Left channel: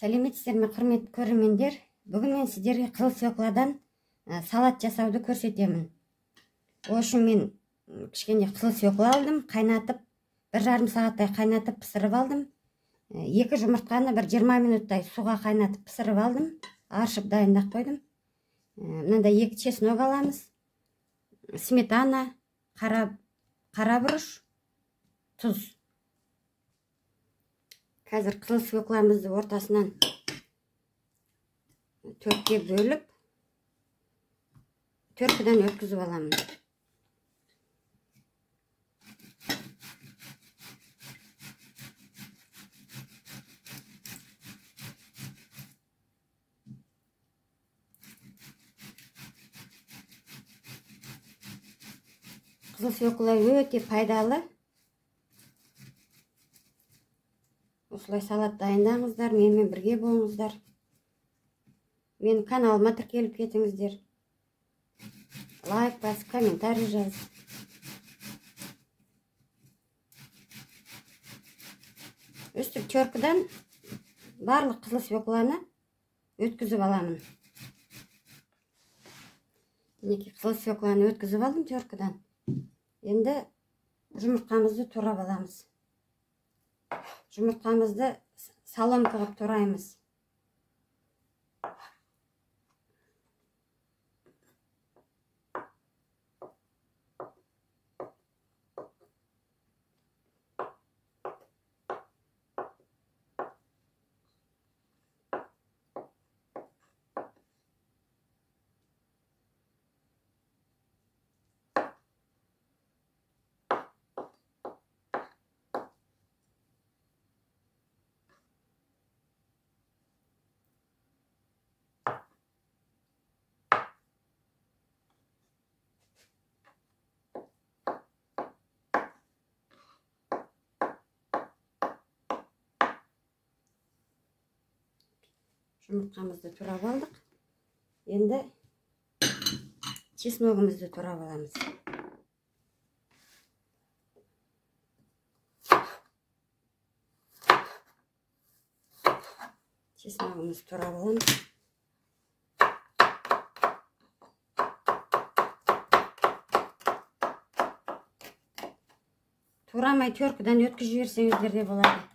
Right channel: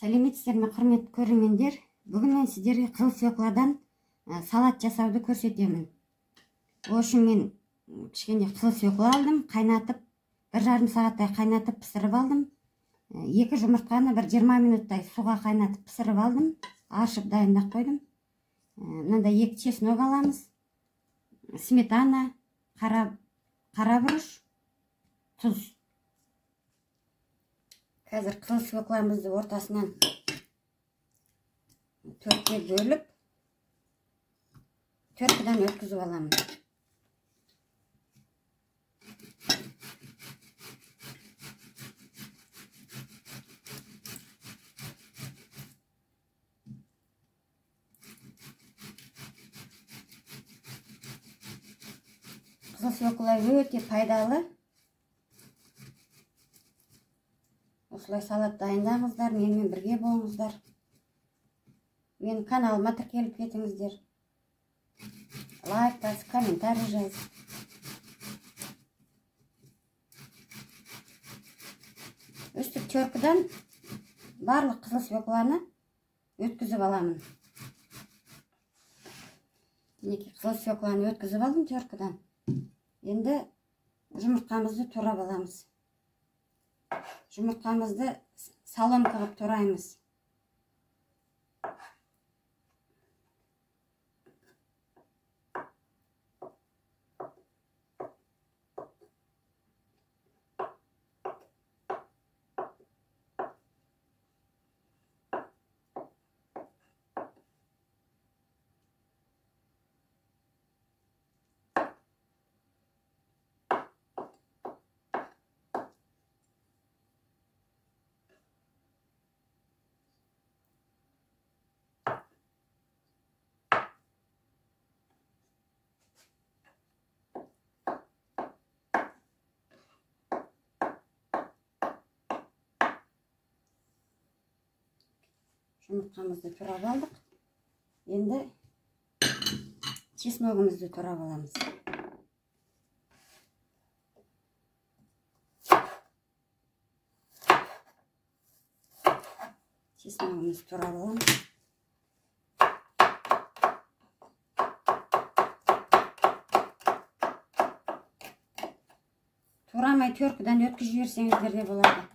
Сәлеметсіздер ме, құрметті көрермендер? Бүгін мен сіздерге қызыл свекладан салат жасауды көрсетемін. Ол үшін мен кішкене қызыл свекла алдым, қайнатып, 1,5 сағаттай қайнатып пісіріп алдым. 2 жұмыртқаны 20 минуттай суға қайнатып пісіріп алдым. Аршып дайындап қойдым. Мынандай 2 чеснок аламыз. Сметана, қарабұрыш, тұз. Қазір қызыл свекламызды ортасынан 4-ке бөліп, 4-дан өткізіп аламын. Қызыл свекла өте пайдалы. Осылай салат дайындаңыздар, менімен бірге болыңыздар. Менің каналыма тіркеліп кетіңіздер. Лайк басып, комментарий жазып. Үстіп теркіден барлық қызыл свекланы өткізіп аламын. Мінекей қызыл свекланы өткізіп алдым теркіден. Енді жұмыртқамызды турап аламыз. Жұмыртқамызды салон қылып тураймыз. Жұмыртқамызды турап алдық. Енді чесногымызды турап аламыз. Чесногымызды турап аламыз. Турамай теркіден өткізіп жіберсеңіздер де болады.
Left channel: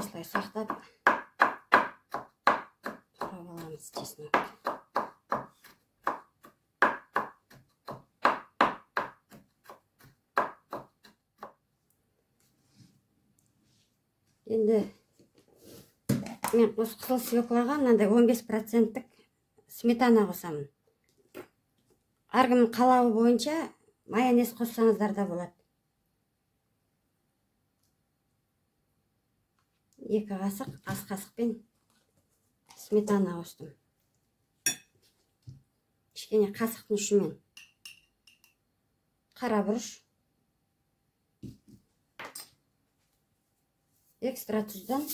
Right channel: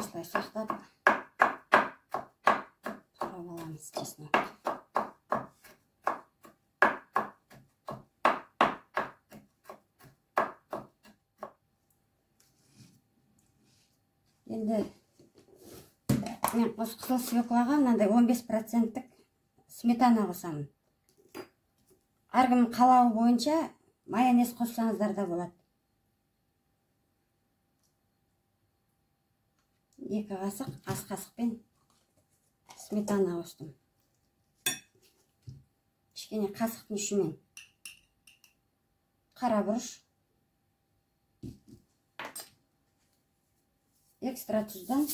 Осылай сақтап турап аламыз чеснок. Енді мен осы қызыл свеклаға мынандай 15% сметана қосамын. Әркімнің қалауы бойынша майонез қоссаңыздар да болады. 2 қасық, ас қасықпен сметана қостым. Кішкене қасықтың ұшымен қарабұрыш, экстра тұздан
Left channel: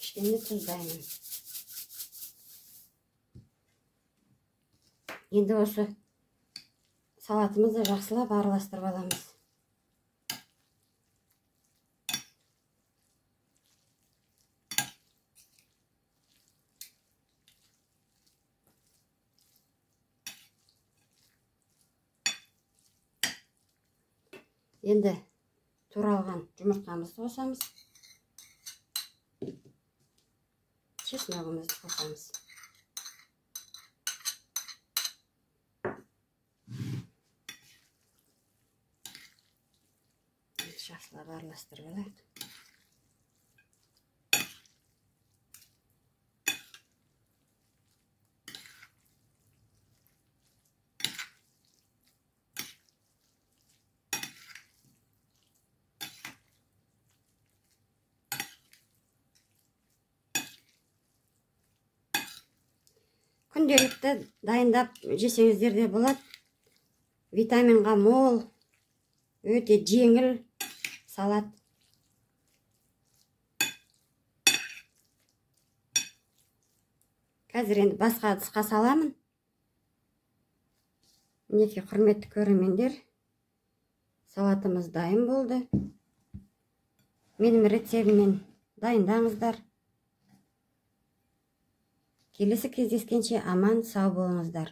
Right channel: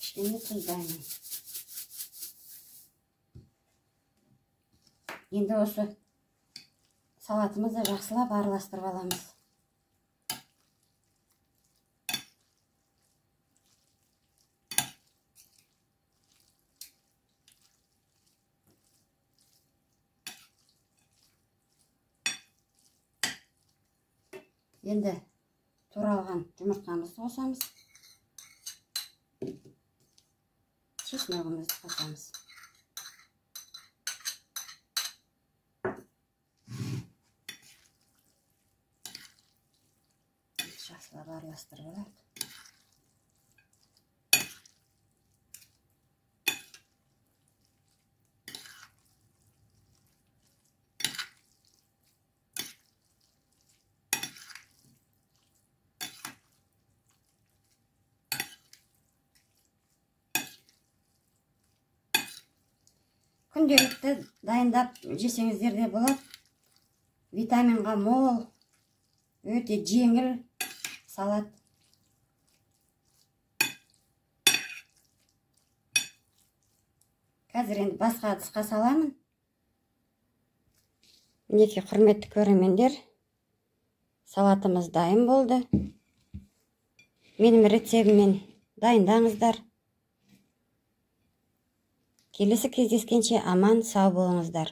кішкене тұздаймын. Енді осы салатымызды жақсылап араластырып аламыз. Енді туралған жұмыртқамызды қосамыз. Чесногымызды қосамыз. Жақсылап араластырып алайық. күнделікті дайындап жесеңіздер де болады. Витаминға мол, өте жеңіл салат. Қазір енді басқа ыдысқа саламын. Мінекей құрметті көрермендер, салатымыз дайын болды. Менің рецептіммен дайындаңыздар. Келесі кездескенше аман сау болыңыздар.